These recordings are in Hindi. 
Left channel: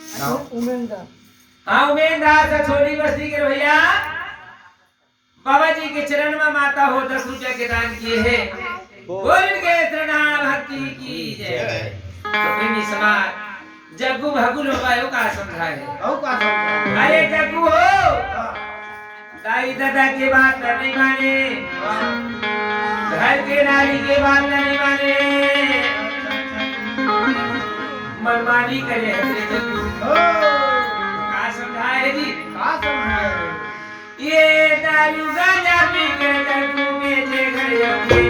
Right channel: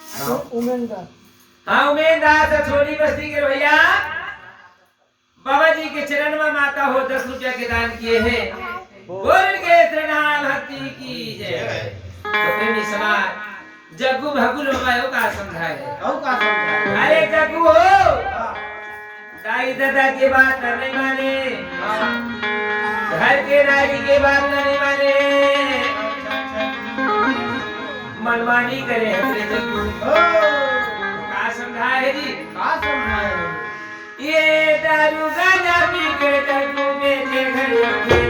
उमेंदा हाँ उमेददार से छोटी बस्ती के भैया बाबा जी के चरण में माता हो 10 रुपया के दान किए हैं। बोल के त्रिनाम भक्ति की जय। तो प्रेमी समाज जग्गू भगुल बाबा का समझाए अरे जग्गू हो दाई दादा के बात नहीं माने, घर के नारी के बात नहीं माने, मनमानी करे का समझाए जी ये दारू गांजा पी के जग्गू बेचे घड़ियों के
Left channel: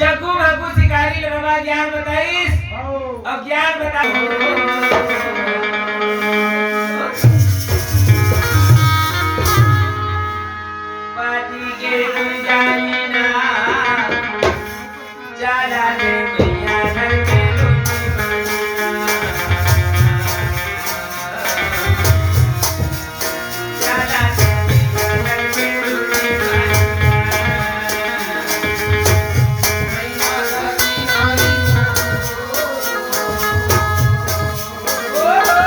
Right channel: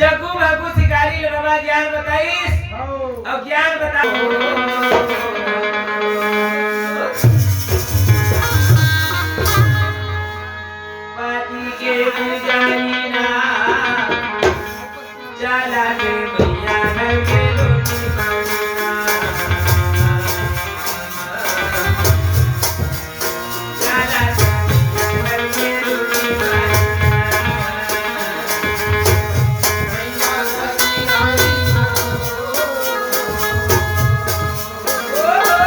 जग्गू भगू शिकारी बाबा ज्ञान बताइस अब ज्ञान बताओ पाती के जानी ना चला दे भैया घर के Oh!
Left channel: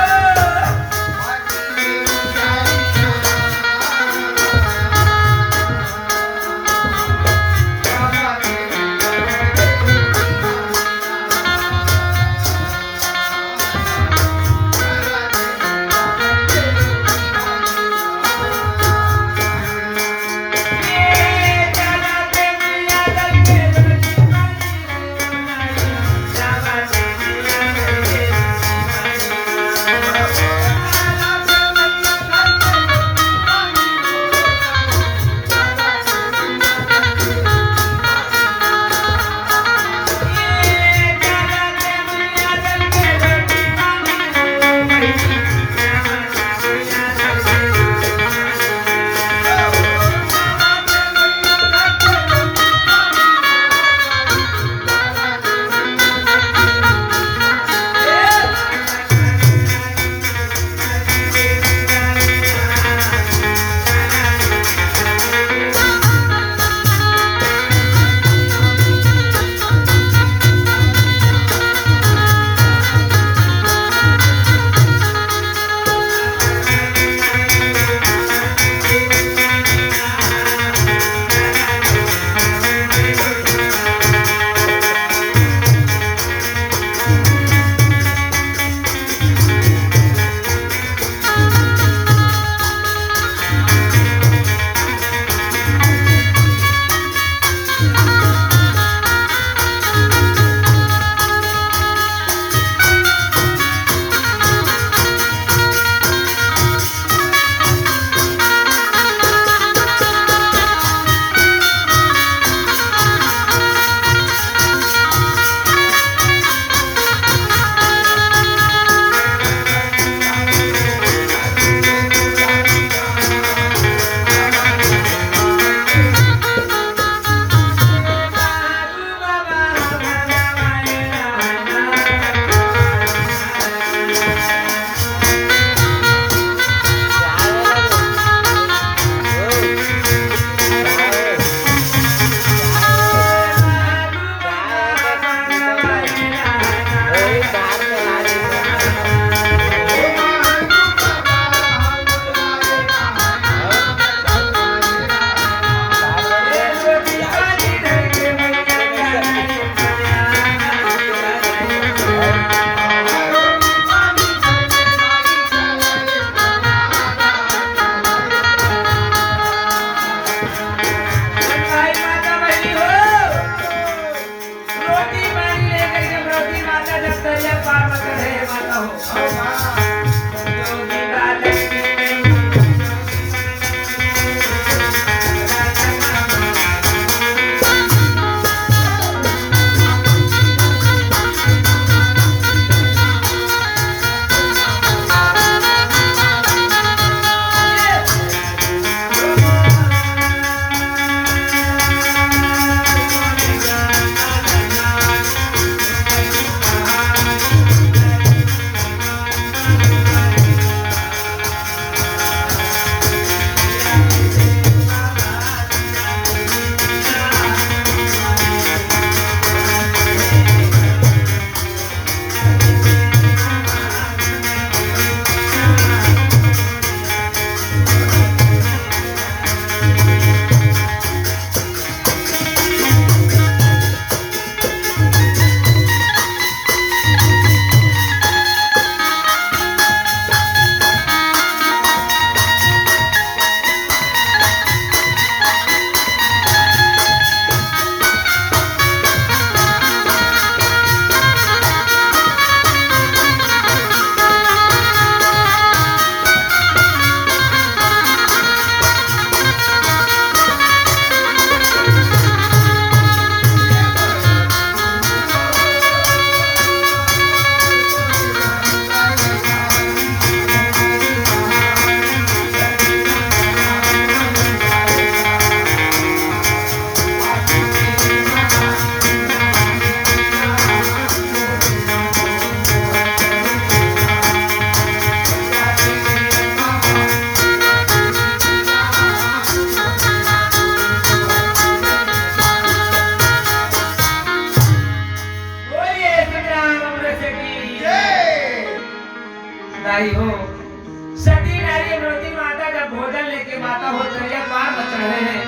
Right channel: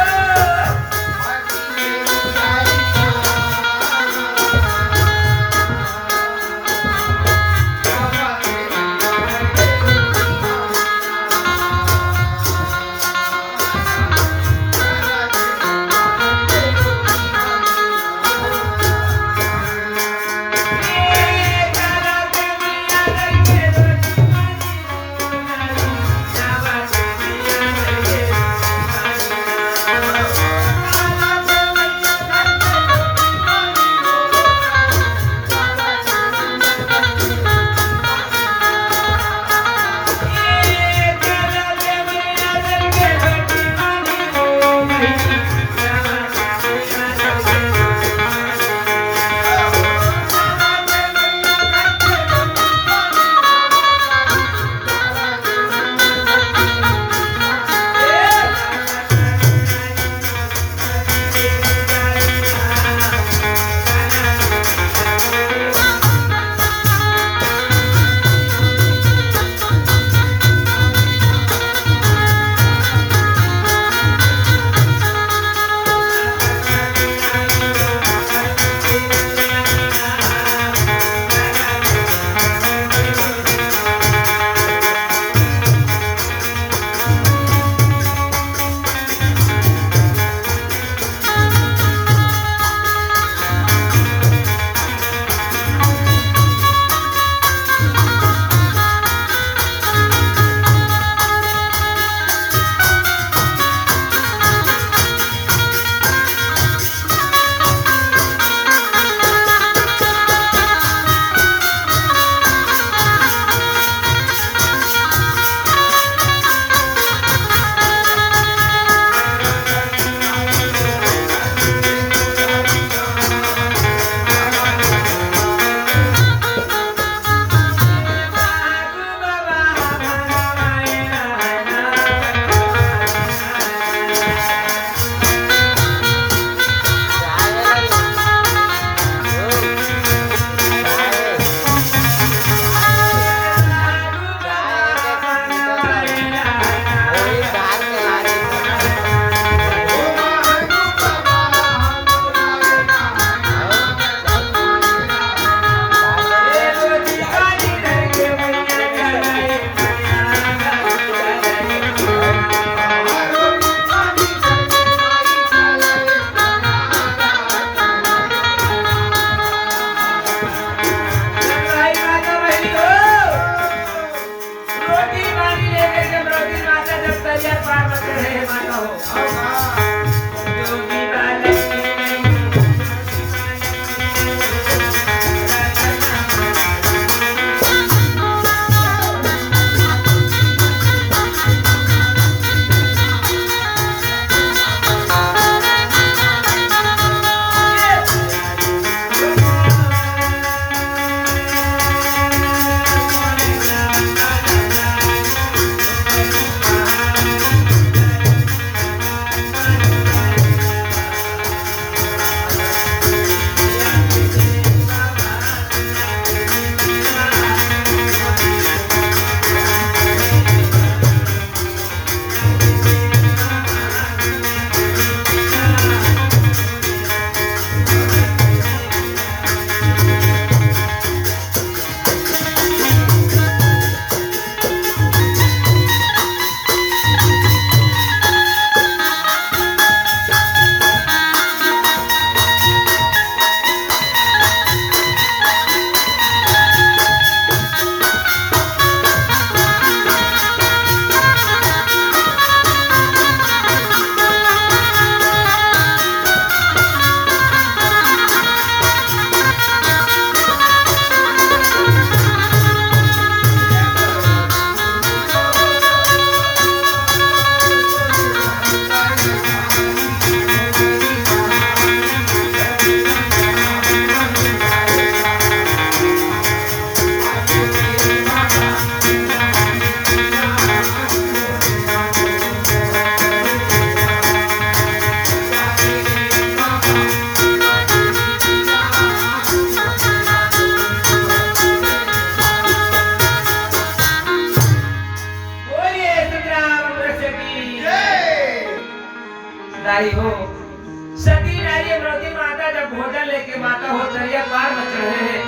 माता हो दरिया पार न चढ़े हैं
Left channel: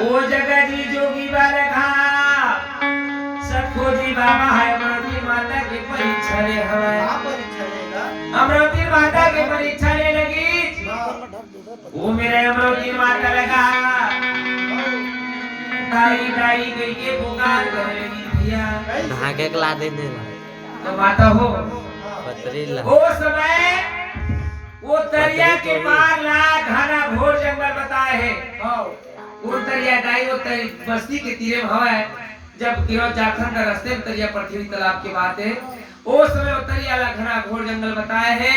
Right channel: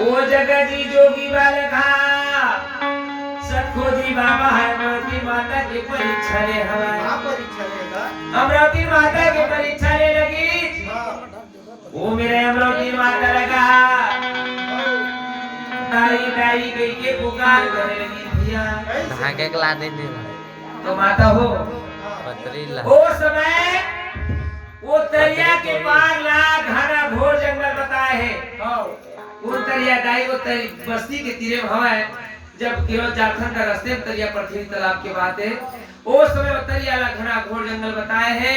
ओ जगह जी जोगी बालक सतखोजी बाबा है अमरावती माता के परीक्षा ले अमरावती माता के परीक्षा ले लगी वो मेरे अमरावती माता लगा दाई दाई गई के पुकार करने लगी भैया भागे के ला देने तो माता हो पतरीला वो समय वो दरिया के पार ला घना घोर जंगल बताए है वो दरिया दाई वो बस्ती के तीरे में हवा है जब केवल झारखंड का रास्ते में तरिया पृथ्वी तालाब की बात है उस समय तरिया ला घना घोर जंगल बताए है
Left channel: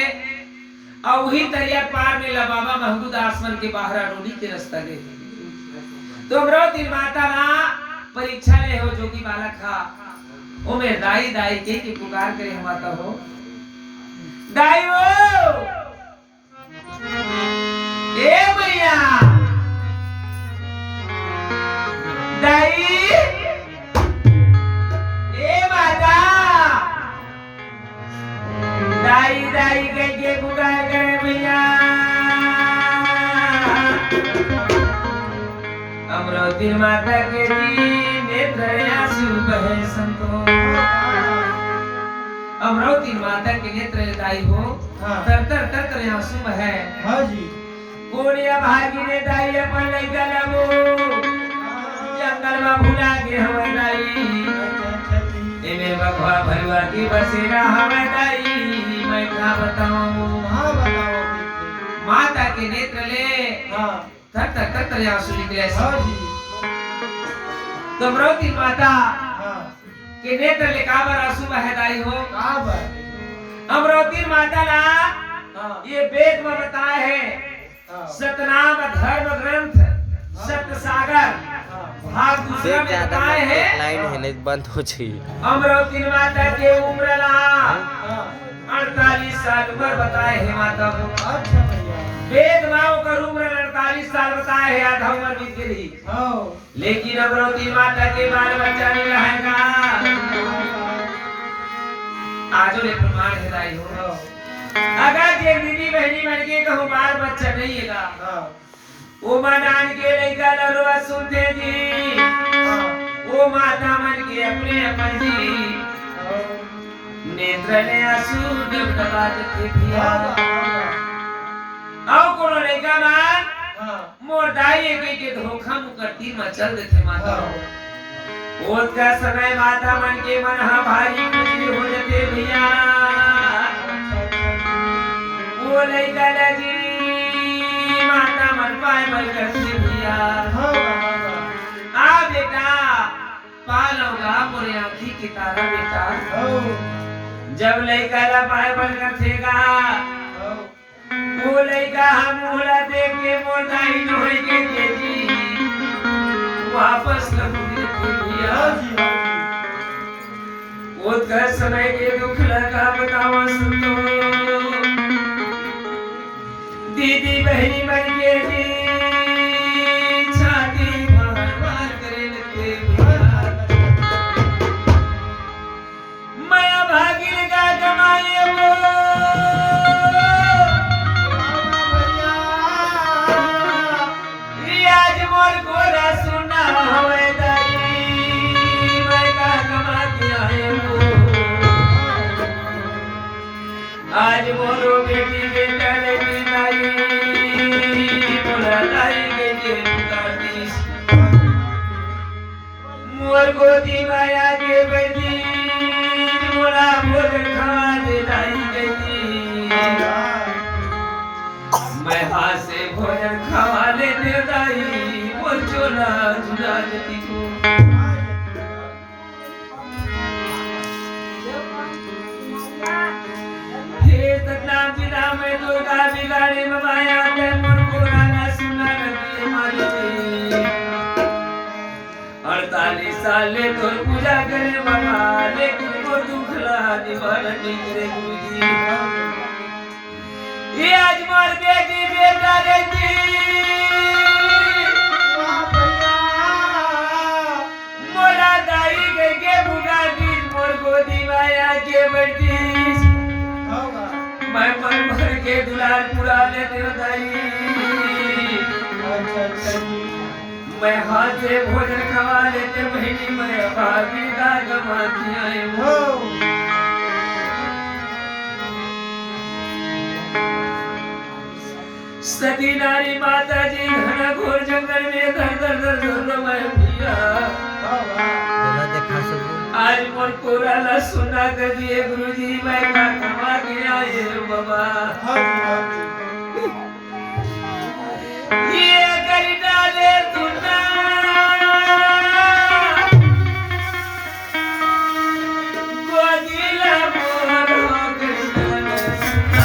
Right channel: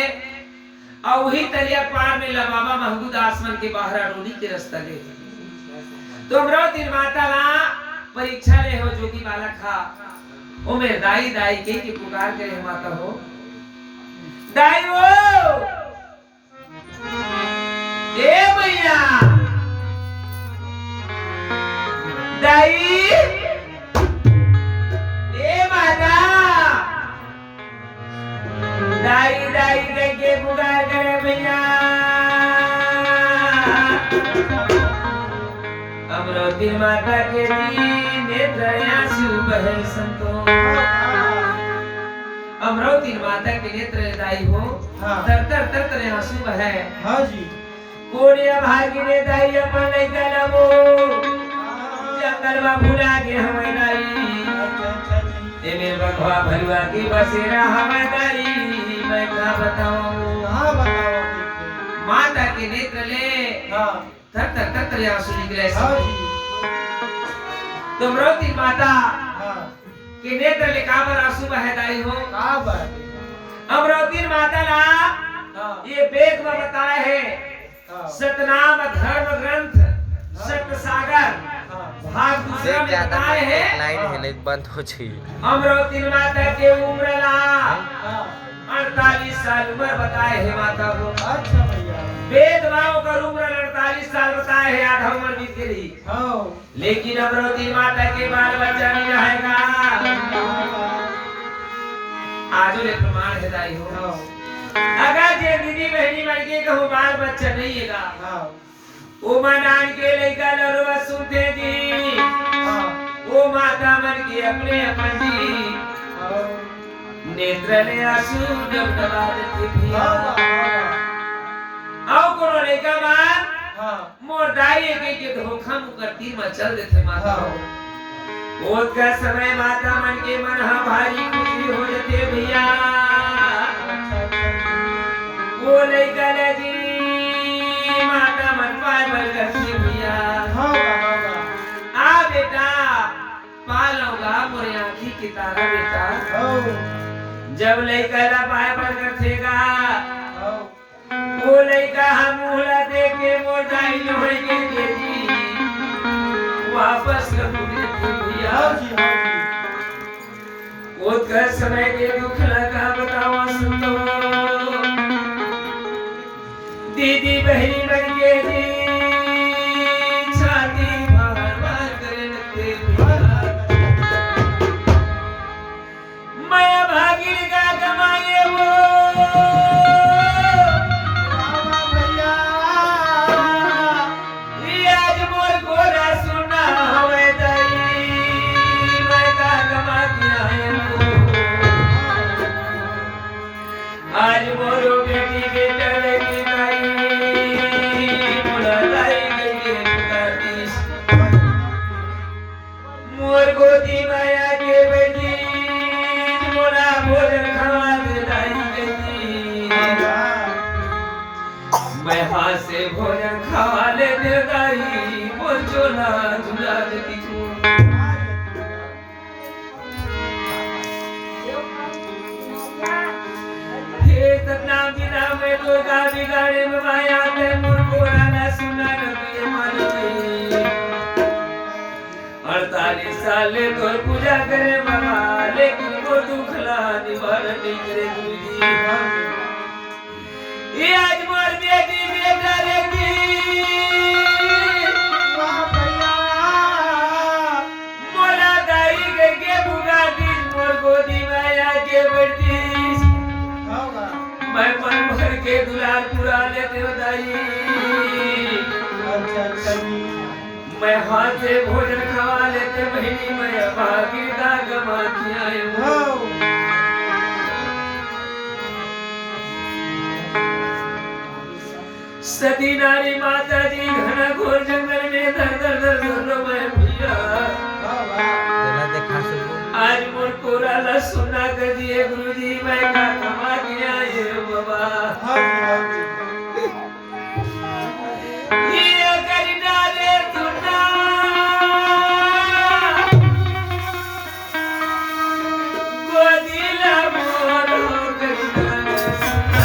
और वही तरिया पार में ला बाबा महमूद आसमान के बाहर रोडी के रास्ता गए तो अमरावती माता ला परीक्षा ले हो जोगी बालक खा ओ में दाई दाई के पुकार करे माता हो दाई हो ए भैया दाई दाई दाई के पुकार करे भैया अमरावती माता के नेत्र आंसू बहे संतो अमरावती माता के नेत्र दाई हो तर तर तर तर आंसू बहे हां जी कोड़िया भागी ने दाई अपन लइका लबो जंगल में भुला के हम दाई एमे बखवा भरवा की बसेरा हम दाई मैं क्या बताऊं माता के नेत्र ले तर तर तर तर आंसू निकले तो अमरावती माता के नेत्र ले काबर आंसू बहे दाई हो अमरावती माता ला ये वेद में बताए है सतनाम धर्म ग्रंथ सत्य सागर भाग दूसरा में बताए हैं लाइन है नहीं बंद हो चाहिए अमरावती माता के उम्र ला 48 साल उम्र बताए है माता को अच्छा भैया वेद माओ का उम्र 48 साल बताए है आधा उम्र बीत गई लेकिन अमरावती माता के बाल बच्चा नहीं रहेगा आजो ले प्रमाण है दाई हो अगर जे दीदी बहनी मर के कहूं बाल बच्चा नहीं हैगा ओ मनान के लइका लरवा सुनते जी ओ माता मन के अपने अपन जी नेत्र ने आंसू जब दबा देते किया आओ कोनो लइका मान मोर दाई के धोखा मुकती मचल देते माता ओत का समय माता मन के मन हा भारी कुछ हो जते भैया वो लइका लगी माता मन पाए मर करती भैया आ बेटा पालोगा मोरे आँखी की तारा बेटा जब लइका ला पाए मर करतेगा वो लइका हम मुहला दे के मोर दाई लोहे के केजी वापस कर भैया वो कर समय के दुख लगा बतावा सुनो दीदी बहनी बन के जी छाती मार मार करे लगते माया भागी का कमाए वो आज मोर गोरा सुना होए दाई मैं का कमा के आए वो आज मोरो बेटी बेटा लगी मोर गोदी माया के बेटी मोरा भोजन खवा दे दाई बेटी मैं हाथ से भोजन खवा ले दे दाई मोर चोला झुला देती तू हे सतनाम पिता में तो का बिगाड़े में माया के मोर को राना सुना नबी हमारे 48 साल तो पूजा करे बाबा लेकिन को दुखला निवारण नहीं करे गुरुजी ये आज मोर बेटी बेटा रेती मोरा दाई गए के बुगा दी मोर गोदी माया के बेटी मैं मन भर के दुलार पूरा लेते दाई मैं हाथ से भोजन खवा लेते महीने में भागी का कमाती आई हूँ। सती नारी माता जी घना घोर जंगल में धर धर धर धर मैं भैया चला देखा सुन आज मोर कोरा ला सुना कर दिए गुरुजी मैं का कमा गया ये बाबा ये कर डाले सुना गोदिला मोर हो कर डाले सुना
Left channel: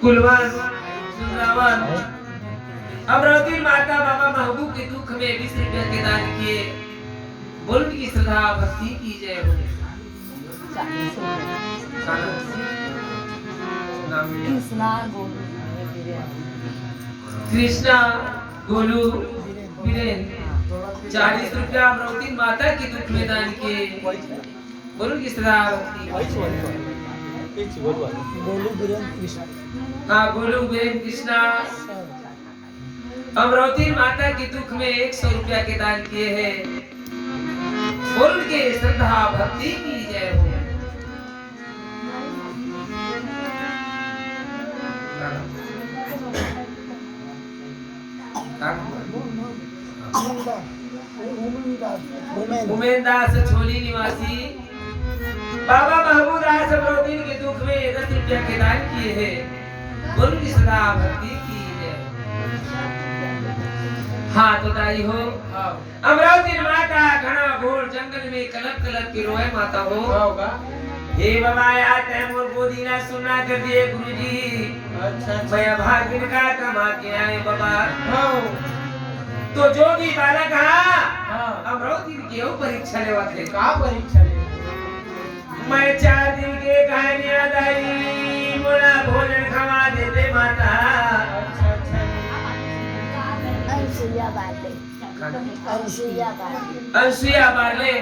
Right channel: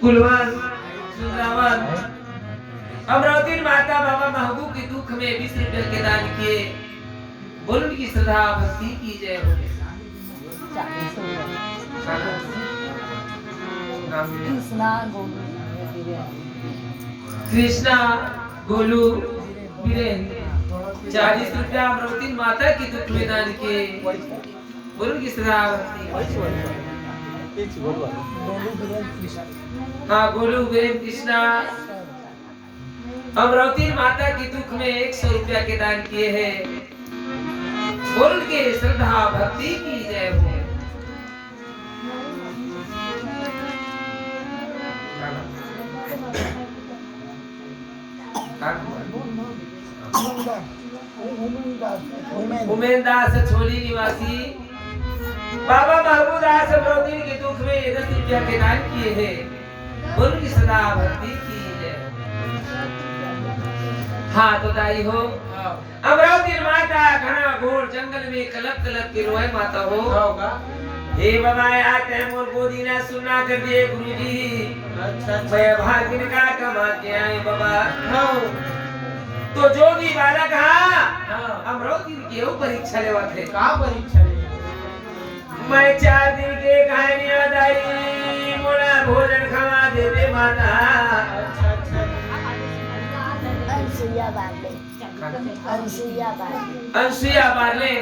कुलवन सुंदरावन अमरावती माता बाबा महबूब के दुख में 20 रुपए के दान किए। बोल उनकी श्रद्धा भक्ति की जय हो। कृष्णा गोलू वीरेन 40 रुपया अमरावती माता की दुख में दान किए। बोल उनकी श्रद्धा भक्ति। हाँ गोलू वीरेन कृष्णा अमरावती माता की दुख में 100 रुपया के दान किए हैं। बोल के श्रद्धा भक्ति की जय हो। उमेन दास छोली निवासी बाबा महबूब दास अमरावती के दुख में 10 रुपया के दान किए हैं। बोल की सदा भक्ति की जय। हाँ तो दाई हो अमरावती माता घना घोर जंगल में कलप कलप के रोए माता हो। हे बाबा यार टाइम और गोदी ना सुनना कर दिए गुरुजी। अच्छा मैं भागिन का कमा के आए बाबा। तो जो भी बालक अमरावती के परीक्षा लेवा थे का परीक्षा ले मैं 4 दिन के कहानियां दाई मोला भोजन खवा देते माता। अच्छा अच्छा अंसुया बाले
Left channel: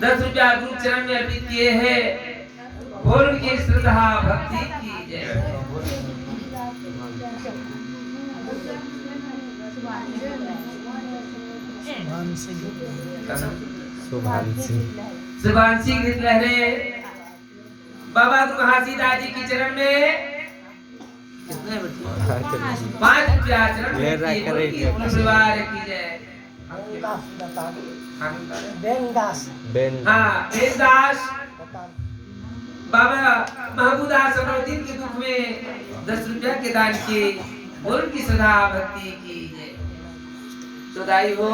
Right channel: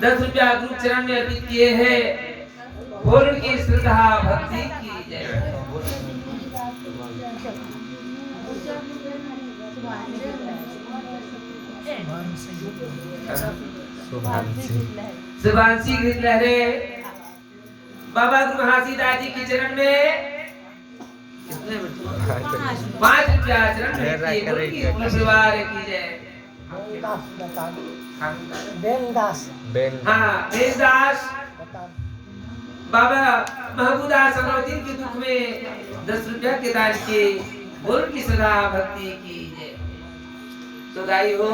10 रुपया गुरु चरण में अर्पित किए हैं। बोल की श्रद्धा भक्ति की जय। सुभांशी लहरे बाबा गुरु हासीदास जी के चरण में 5 रुपया चरण में परिवार की जय। हाँ बेनदास बाबा महबूब दास अमरावती के दुख में 10 रुपया के दान किए। बोल की श्रद्धा भक्ति की जय। तो दाई हो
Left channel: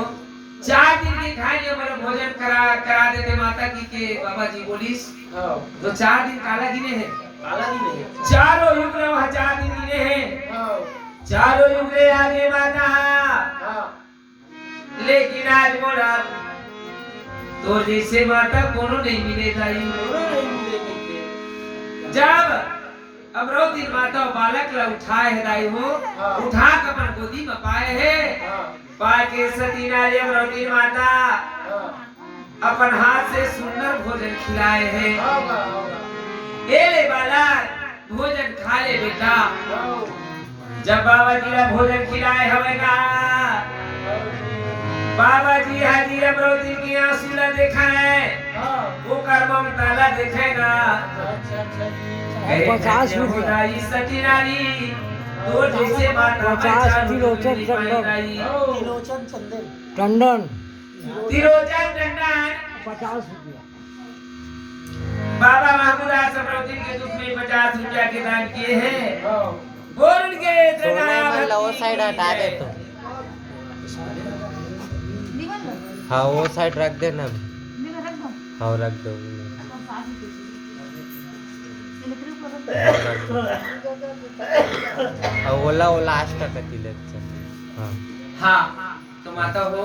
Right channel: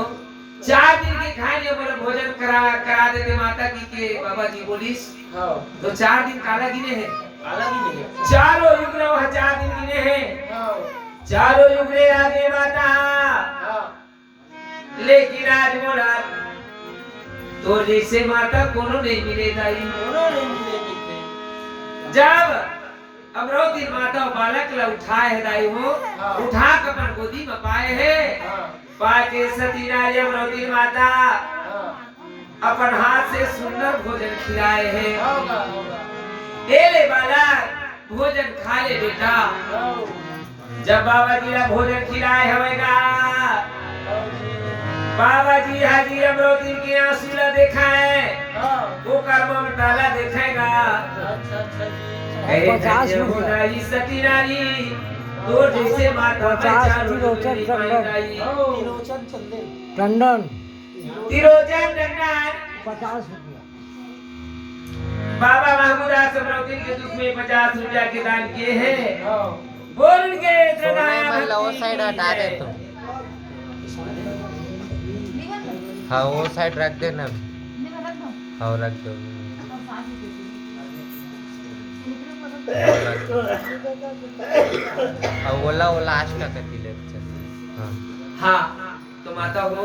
4 दिन के खाने वाला भोजन करा देते माता की के बाबा जी बोलिस। तो 4 दिन काला गिने हैं। काला गिने हैं चारों युग ने वहाँ 4 दिन गिने हैं। चारों युग ले आगे माता लेकिन आज मोरा तो जैसे माता कोनो नहीं मिले दाई। कोनो नहीं मिले जब अमरावती माता बालक ला उठाए है दाई हो। उठा कर अपन गोदी में पाए है। पाके सती नारी अमरावती माता अपन हाथ से सुंदर भोजन खिलाए हैं। ले बालक भोजन खा ले बेटा। जब बाबा जी ला भोजन खिलाए होगा बाबा जी हाजिर अमरावती की आंसू ला देखा है। वो कर ममता ला देखेगा। 50 रुपया सती नारी तो जैसे माता 50 तिरोचन टंडन 50 रुपया। बाबा महमूद दास अमरावती के दुख में 50 रुपया के दान किए हैं। बोल के साइड हटा दे तो। हाँ वो साइड रख देना। हाँ रख दे। वो लास्ट का दिले। हाँ तो माता हो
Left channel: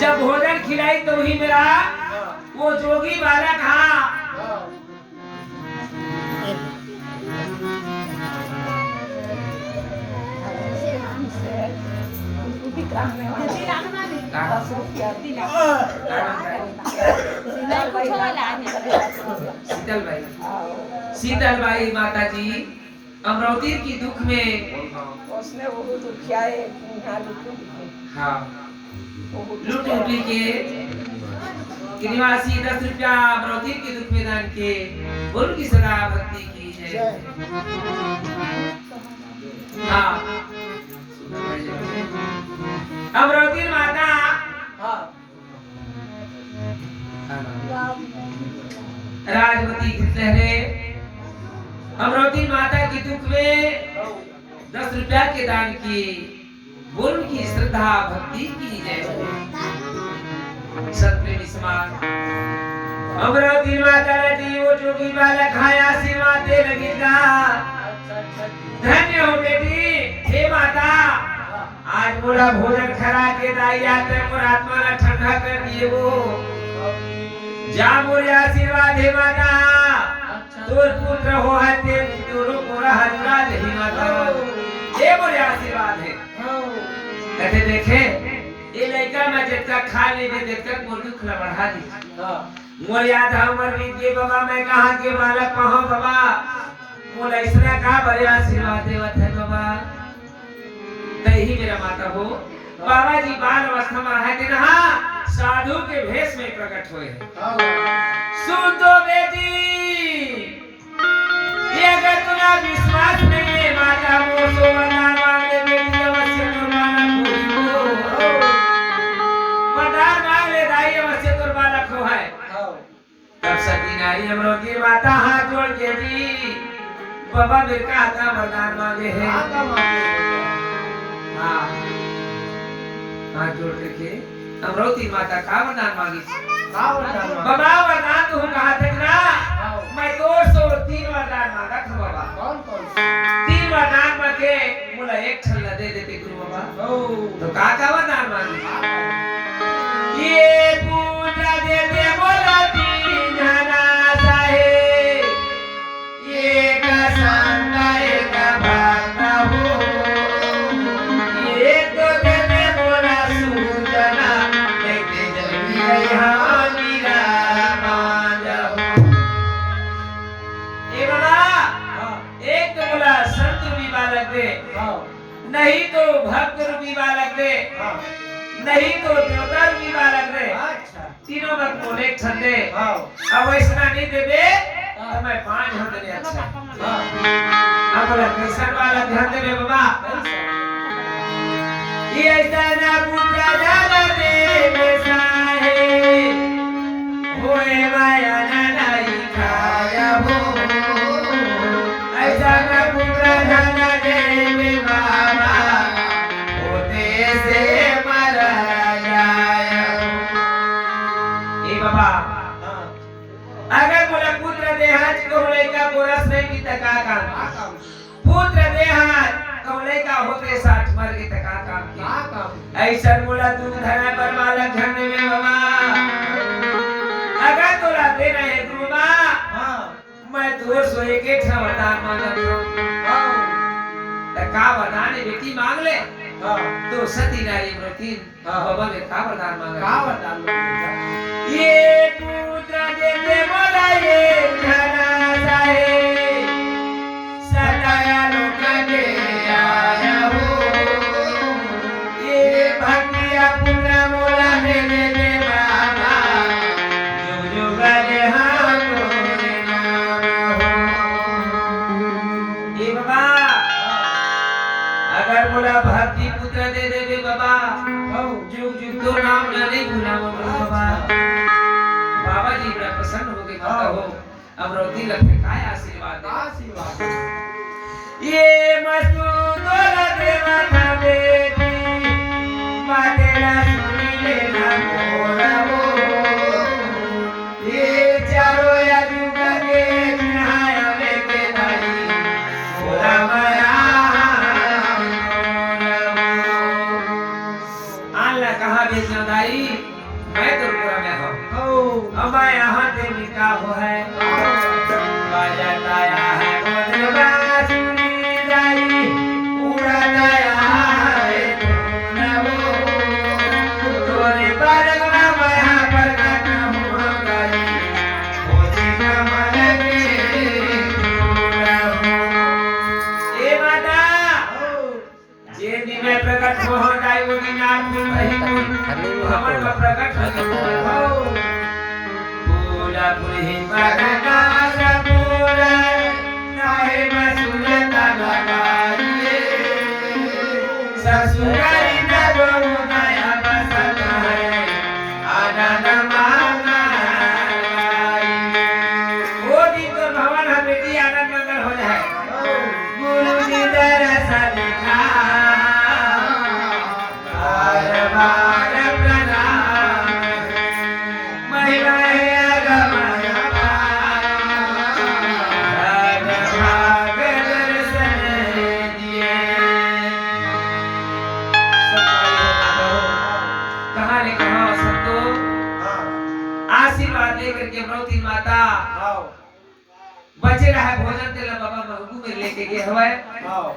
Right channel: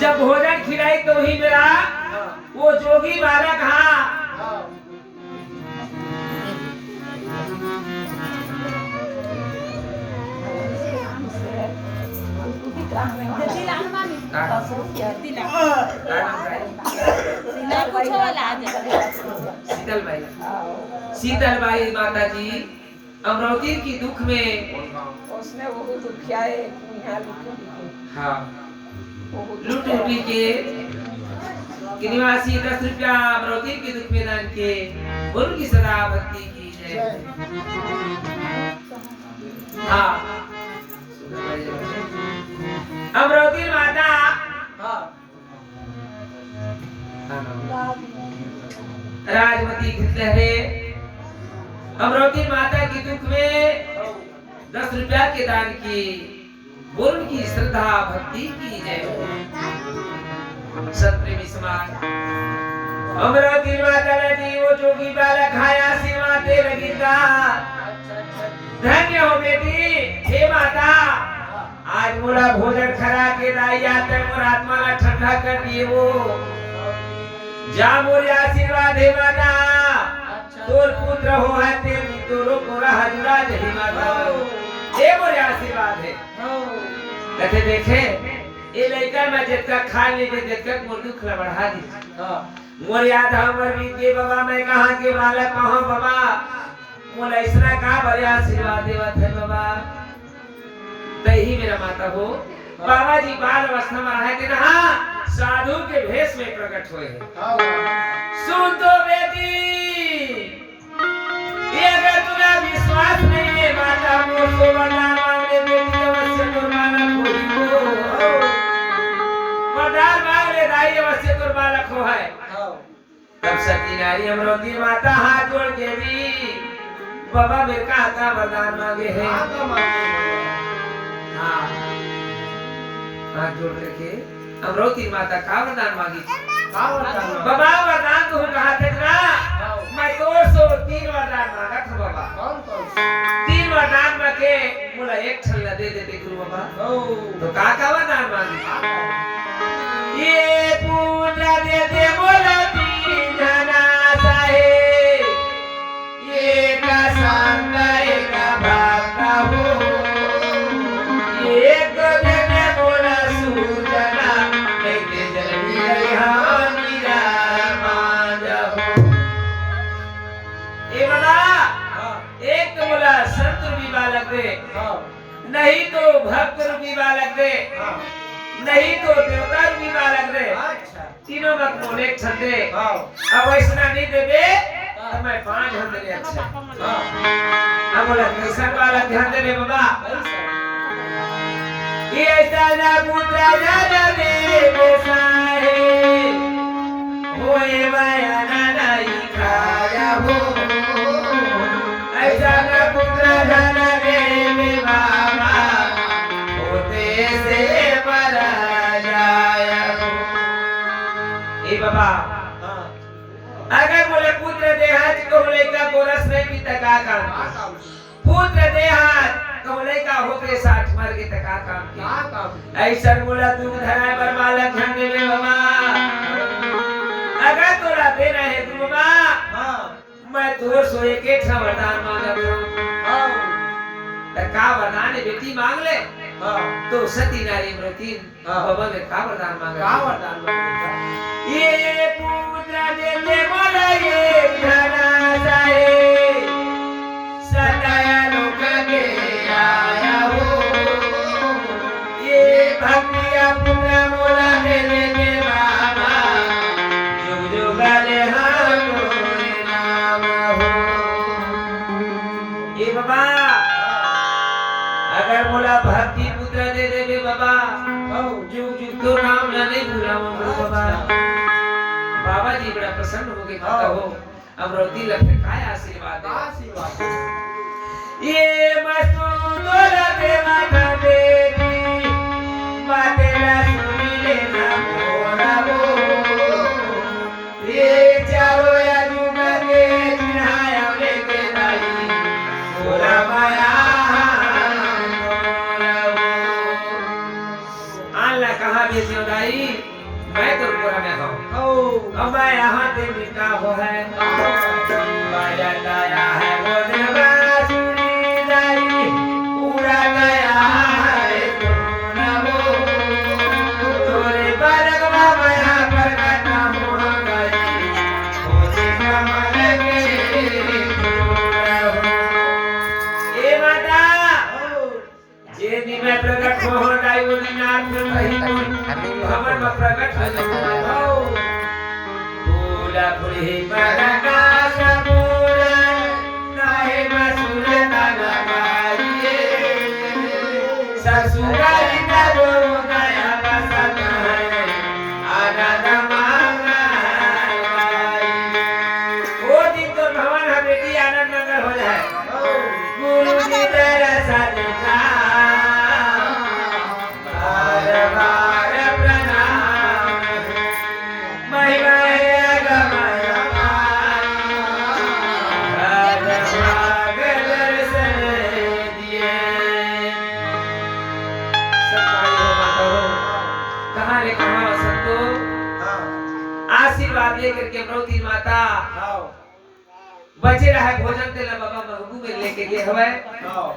जब भोजन खिलाई तो ही मेरा वो जोगी बालक शीतल बाई माता जी अमरावती की दुख में उसने वो दुखिया है। हाँ लूट लूटी के निवासी 10 रुपया अमरावती के दुख में दान के। बोल की सदा भक्ति की जय। हाँ अमरावती माता राजमती लहरे अमरावती माता की दुख में 10 रुपया के दान किए। बोल की श्रद्धा भक्ति की जय। सत्प्रेमी समाज अमरावती माता ने वो जोगी बालक खाया सेवा दे लगी का धन्य हो बेटी हे माता आज मोरा भोजन खरा के दाई आते मोर आत्मा ला ठंडा कर दिए वो जा मोर आशीर्वाद हे माता तोर पुत्र हो हते तोरो मोरा हजरा ही माता ये मोर आशीर्वाद है कहते देखे ये लड़का में जितना खा ले जितना मोर दुख ला बढ़ा दी मोर याद हमर बीते बाबा मैं कहां के बालक कहां बाबा मोर ऐसा का बड़े आशीर्वाद देवत है बाबा तही मेरा माता हो बाबा जी बाल अवस्था में रहे थे ना साधु के भेष में प्रकट हुए हैं सुन तो बेटी ये अगर तुम्हारा विश्वास नहीं है माता मोर सोवना मांगे बेटी अवश्य कुर्बाना खोई मदार मांग ले दाई अवश्य कुर्बाना खो है तब सती नारी अमरोती माता हाथ जोड़ के दी बाबा मेरे का आता वरदान मांगे हैं हाँ हाथ जोड़ के अमरोती माता का वरदान मांगी बाबा वरदान तू कहा था ना मैं 203 वरदान मांगा था बाबा कौन 3 वरदान मांगे मुला एक छल्ला दे देते गुरु बाबा तो का वरदान मांगी ये पूरा दे दे मोला नहीं तो भक्त रूपी बालक दे नहीं तो देवता रूपी बालक दे तीनों मत मोले छंदे अब ऐसा नहीं देबे तो मैं 5 हम देने अच्छा अब बोला कृष्ण वाला ध्यान दे बाबा ये ऐसा ना पुत्र जाना दे साहे होए माया ना नहीं खाया हो ऐसा ना पुत्र जाना दे अगर बोले पुत्र देहात कमले का गोरस नहीं पीता का काम पुत्र देहात कमले का होते 60 मर के तका काम ऐसा बोला तू धरा पर वाला खंडे में बाबा अगर तोरा देना है गुरुमा मैं तो सोए के वरदान मांगता तका वरदान बेटी मांग ले तो सती नारी मृति बाबा में का वरदान मांगा ये पुत्र देते मोला ये घना जाए सदाया लोक के आया हो ये भक्तिया पुत्र मोला मेरे में बाबा जुग जुग रे हम नाम हो ये बाबा अगर मोला भक्ति पुत्र दे दे बाबा जुग जुग तो नाम नहीं भूलाऊंगा बाबा बाबा जी बड़ा प्रसन्न हो गए कहता हो अमरोती लगे काय आशीर्वाद ये मस्तूर देवा का बेटी मातेरा सुनी लेना बोला वो ये चारों या जुग के चढ़ाया लेके नहीं बोला माया अल्लाह कहा बेटियों दाई मैं तो पूरा में हूँ अब यहाँ से मिलता हो है बजाया है बांसुरी दाई उड़ाया है तोरे बालक ना मैं पर गाता हूँ गई खोजी ना मरे ए माता जे दिन में प्रकट हो जाए वो दिन आप में कहीं हमर में प्रकट हो पूरा पुरी बगना सबूरा करके अमरावती माता आओ बचे रहा भोजन तेला बाबा महबूब में लेके गए हवाए आओ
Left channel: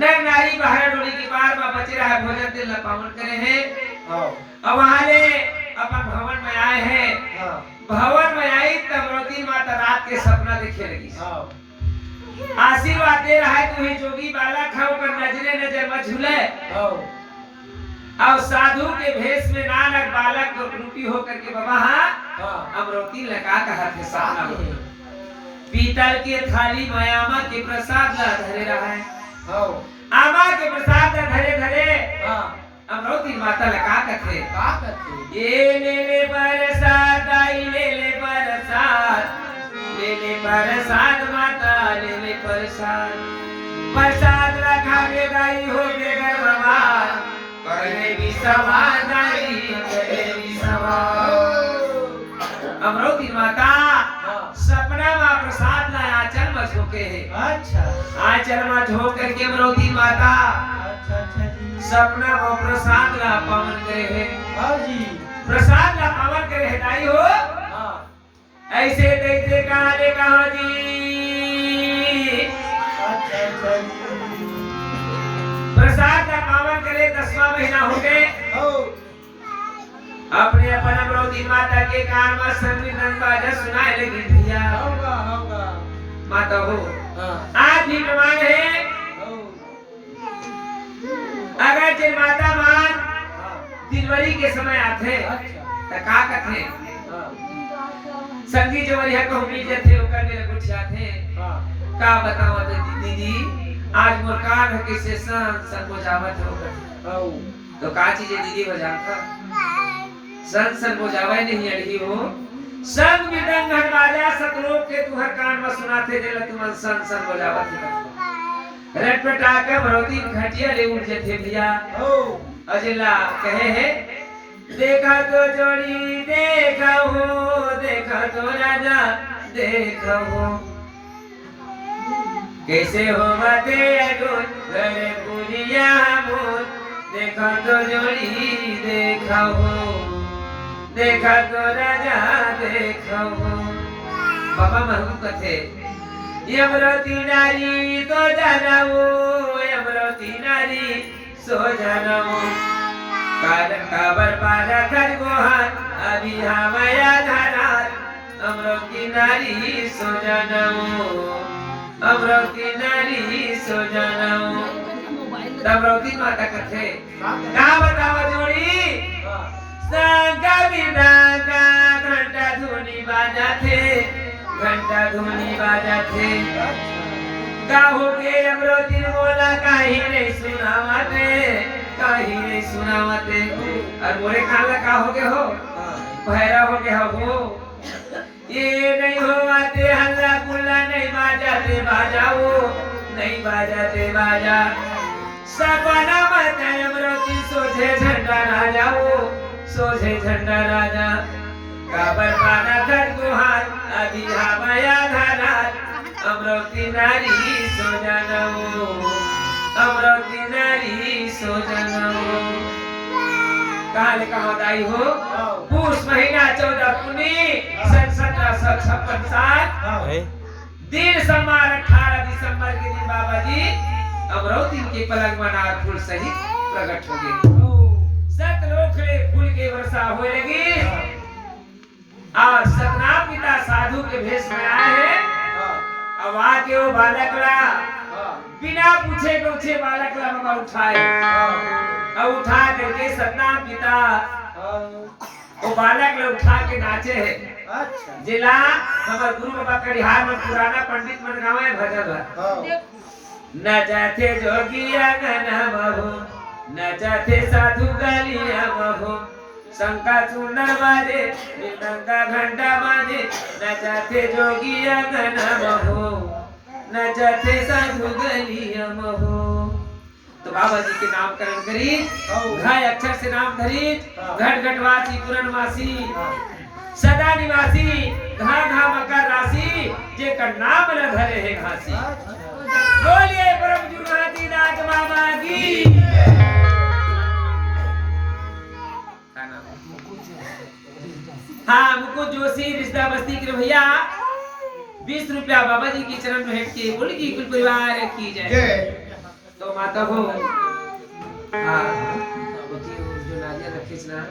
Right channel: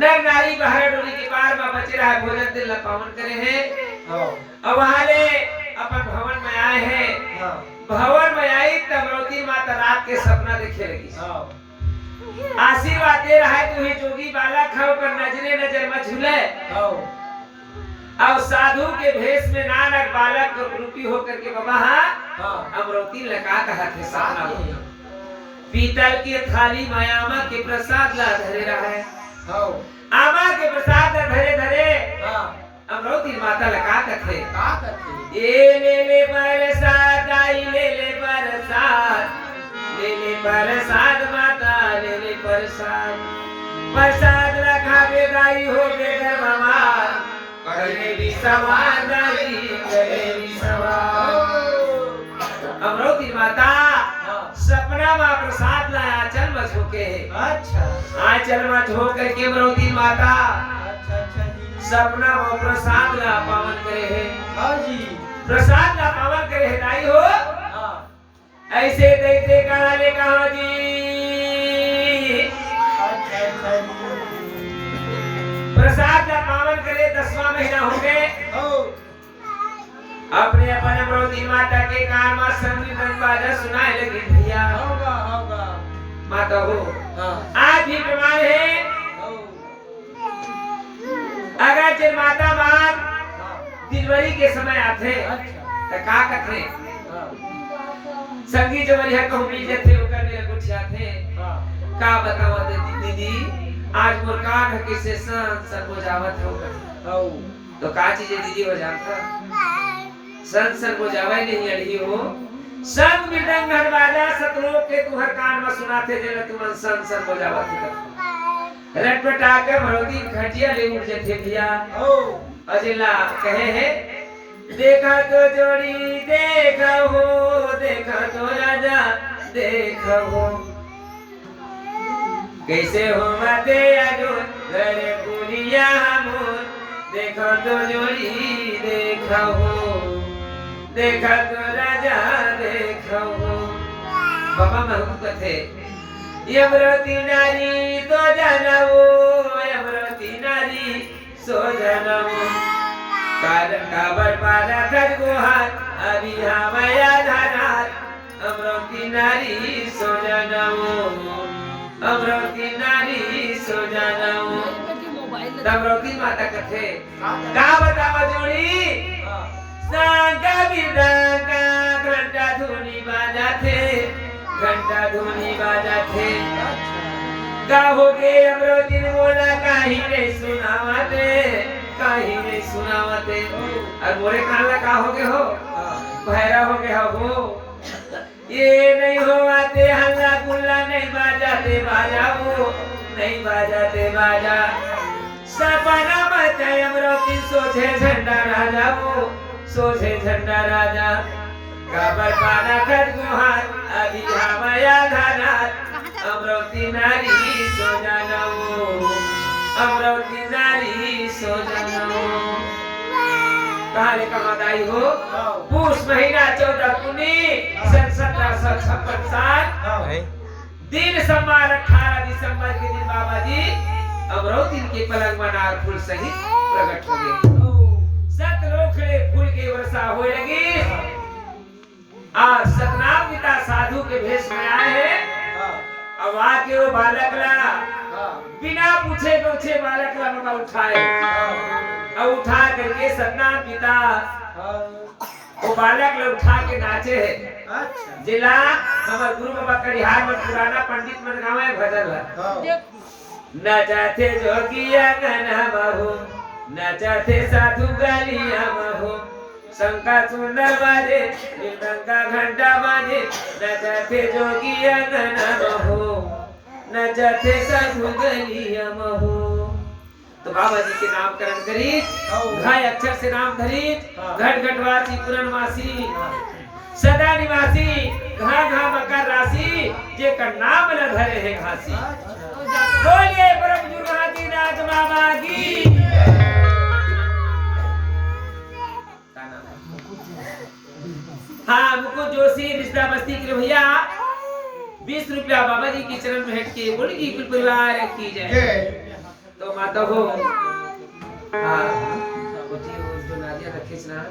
नर नारी बाहर डोली के पार में बचे रहा भोजन तेला पावन करे हैं आओ अब वहां ले अपन भवन में आए हैं हाँ भवन में आई तब अमरावती माता रात के सपना देखे लगी आओ आशीर्वाद दे रहा है तू ही जोगी बालक है ऊपर नजरे नजर मत झूले आओ और साधु के भेष में नानक बालक रूपी होकर के बाबा हाँ अमरावती लगा कहा थे सपना में पीतल की थाली मायामा के प्रसाद ला धरे रहा है आओ आमा के प्रसाद ला धरे धरे हाँ अमरावती माता लगा कथे का करते ये ले प्रसाद आई ले प्रसाद ले प्रसाद माता ले प्रसाद प्रसाद रखा के गाई हो के घर बाबा करे भी सवार दाई करे भी सवार अमरावती माता हाँ सपना में प्रसाद लाया आंचल में झोंके है अच्छा आंचल में झोंक करके अमरावती माता अच्छा जी सपना में प्रसाद ला पावन करे है हाँ जी प्रसाद ला पावन करे है दाई हो हाँ ऐसे तैसे कहा जी अच्छा प्रसाद का पावन करे 10वां महीना हो गए ओ अपने अपन अमरावती माता के कान में संगीत बाजा सुनाए लगी भैया होगा होगा माता हो हाँ आज भी प्रमाण है ओ अगर जे माता मान हाँ दिनवरी के समय आते अच्छा तो का कथे हाँ संगी जो वरिया को बीजे थे ओकर मेरे कुछ आते हाँ का बताओ दीदी आज मोर कान है किसे सन बजावत हो गए ओ तो का चीज है दीदी बजाता सन बजावे नहीं अड़ी हो संग मृदंग घट बाजा सतलोक के तुहर कान में सुनाते जला तुम सन बजावत है रट पटा के भरोती घटिया ले उठ जेथे भैया ओ अजला कहे है देखा तो जोड़ी देखा तो राजा देखा हो कैसे हो मते अगुन घर पुरिया मोर देखा तो जोड़ी देखा तो राजा देखा हो बाबा महबूब कथे यमरती नारी तो जानवो यमरती नारी सो जानवो कारण काबर पारा कर गोहार अभी हमया धारात अमरती नारी सो जानवो अमरती नारी सो जानवो अमरती माता कथे का बतावा जोड़ी हाँ सांगा बिरदांगा घंटा धुनी बाजा थे घंटा धुनी बाजा थे का हो गए अमरोती ने बोला काहे नहीं सुनावते और बोले खाला का हो गए हो भैरा हो गए हो ये नहीं हो आते हल्ला गुल्ला नहीं बाजाते बाजाओ नहीं बाजाते बाजा सपना मत अमरोती सोचे झंडा राजा वो सोचे झंडा राजा काबर पाना कर गुहार अभी हमया धारात अमरावती नारी सो जानवो अमरावती नारी सो जानवो काले कहाँ दाई हो पूस महीना 14 पुनी सन 1756 साल दिन सोमवार 18 दिसंबर के दिन बाबा जी अमरावती के पलंग मनार फूल सहित प्रकट हो गए सतलोखले फूल के वर्षा होने लगी और सतनाम पिता साधु के भेष में आए हैं अब आके वो बालक ला बिना पूछे गौछे बालक ला बाबा उठाए और उठा करके सतनाम पिता वो बालक ला उठा के नाचे है अच्छा जिला हमारे गुरु बाबा कटिहार में पुराना पंडित मन गावे भजन ला नचाते जोगिया गना बहू नचाते साधु गालिया बहू शंका सुंदर बाजे मृदंगा घंटा बाजे नचाते जोगिया गना बहू नचाते साधु गालिया बहू तो बाबा जी के नामकरण करी घाय अक्षर से नाम धरी घट घटवासी पूर्णवासी सदा निवासी घा घा मकर राशि जे का नाम न धरे है घासी बोलिए परम जुगादी नाथ बाबा की हाँ मुकुट जोशी रिश्ता बस्ती के भैया 20 रुपया बाबा जी के चरण में भेंट के बोली की कुल परिवार की जय। तो माता हो हाँ जो नारियल का खींचना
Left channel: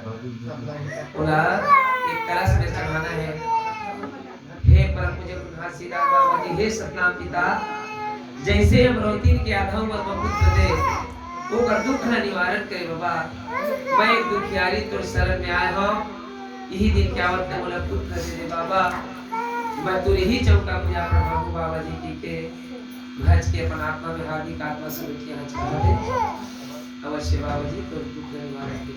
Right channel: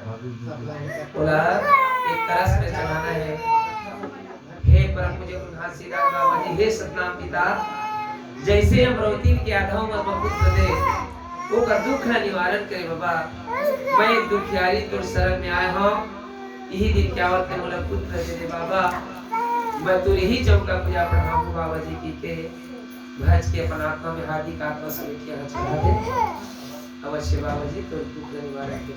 बोला एक कलश में चढ़ाना है। हे परम मुझे सीधा बाबा जी हे सतनाम पिता जैसे हम रोतीन के आधाओं में पुत्र दे वो कर दुख ना निवारण करे बाबा। मैं एक दुखियारी तो शरण में आया हूँ यही दिन क्या वक्त बोला पुत्र दे दे बाबा। मैं तो यही चौका पूजा पढ़ाऊँ बाबा जी की के भज के अपन आत्मा में हार्दिक आत्मा से उठ के चढ़ा दे अवश्य बाबा जी तो दुख निवारण के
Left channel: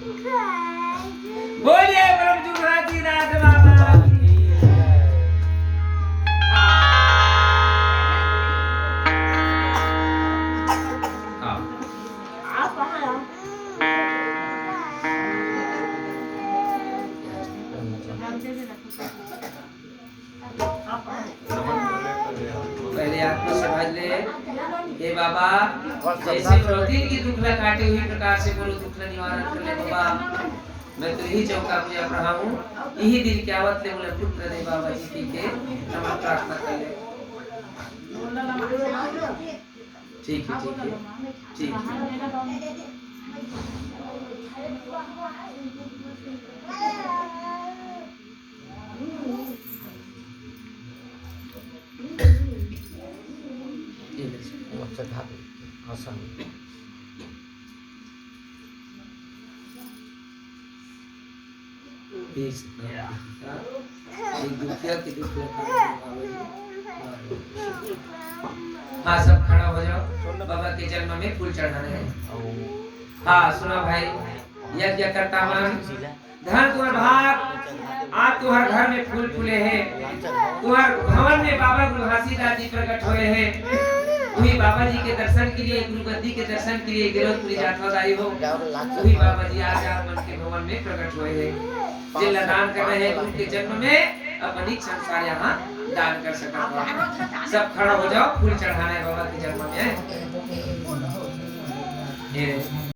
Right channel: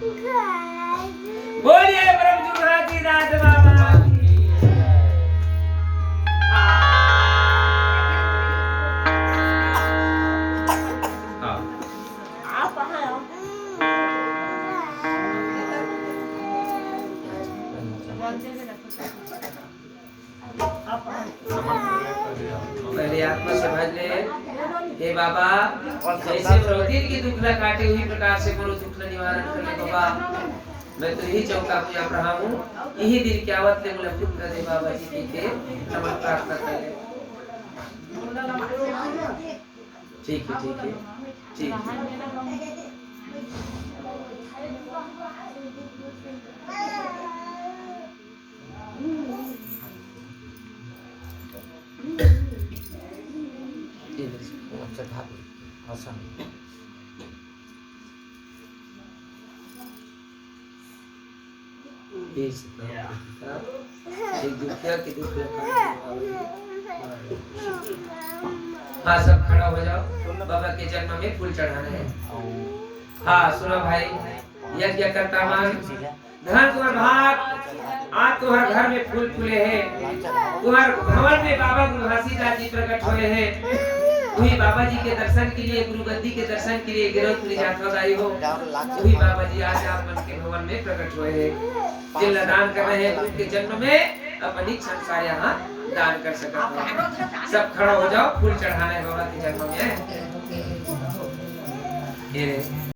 बोलिए परम जुगराजी नाथ बाबा की जय। पहले आत्मा से भज ले हे बाबा जैसे रोधी की दुख न काटे हुई प्रकार से बोलो दुख न निवारण कर ले बाबा। मैं तो यही चौका पूजा पढ़ाऊं यही दिन क्या आवत ले बोले पुत्र दे बाबा जी के क्षमा प्रार्थना कर ले। ठीक है ठीक है ठीक है। हाँ सब खड़ा हो जाओ बाबा के जन्म में फूल चढ़ाने हैं। हाँ सुनो भाई यज्ञ करता मन धन तुम्हार भाग आज तुम्हारे घर में फूल फूले हैं। तुम्हारे भवन में बाबा गुरु घासीदास जी प्रकट हुए हैं। वही बाबा जी के दर्शन के लिए गुरु गद्दी के दर्शन के लिए गिरफ्तारी यात्रा आई हो वही बाबा जी आज आप मन के भवन में प्रकट हुए हैं। जिला दान कर रहे हैं गुरु के जन्म में अपनी संसार यहाँ दान कर सकता है। सब खड़ा हो जाओ फूल चढ़ाने बाबा के जन्म में।